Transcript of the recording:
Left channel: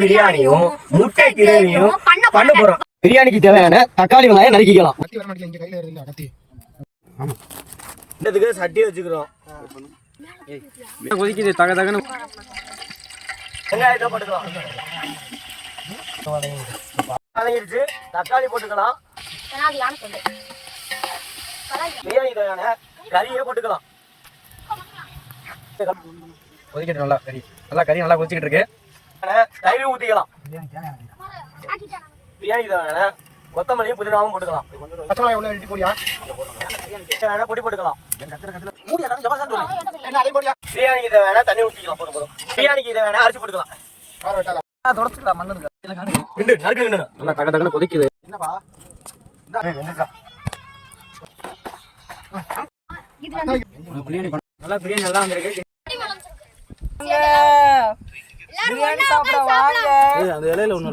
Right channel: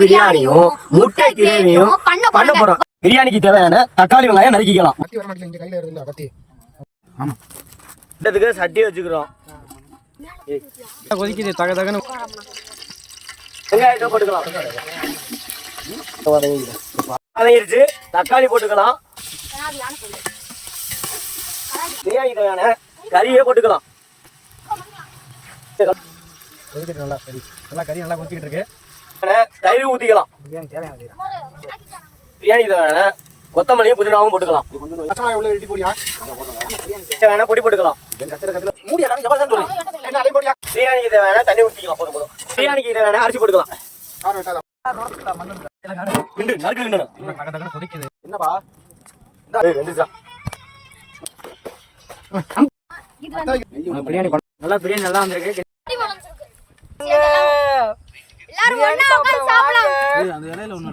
பிரியாணியும் முட்டை கிரேவியும் பண்ண போறோம். பிரியாணிக்கு தேவையான தக்காளி வெங்காயம் நறுக்கிக்கலாம். இதுக்கு சட்டி வச்சுக்கிறோம். கொதிக்குது? தக தகன்னு வெங்காயத்தை போட்டுக்கலாம். வதங்கிருச்சு. தக்காளி போட்டுக்கலாம். பிரியாணிக்கு தேவையான கறியே போட்டுக்கலாம். கொதிக்கிட்டு நல்லா கறி. நல்லா கறி நல்லா கொதிக்கிட்டு இருக்கு. தயிர் ஊத்திக்கலாம். பிரியாணி தேவையான கொத்தமல்லியும் புதினாவும் போட்டுக்கலாம். பச்சை உள்ள வெட்டி போடியா? தேவையான பொடி போட்டுக்கலாம். பிரியாணிக்கு தேவையான தண்ணி ஊற்றிக்கலாம் போதும் போதும். பிரியாணிக்கு தேவையான அரிசி போட்டுக்கலாம். கொதிக்குது. என்னப்பா? பிரியாணி நல்லா பிரியாணி நல்லா வந்திருக்கு. எல்லாரும் ஒண்ணா உட்கார்ந்து சாப்பிடலாம். அந்த இலையில ஒண்ணு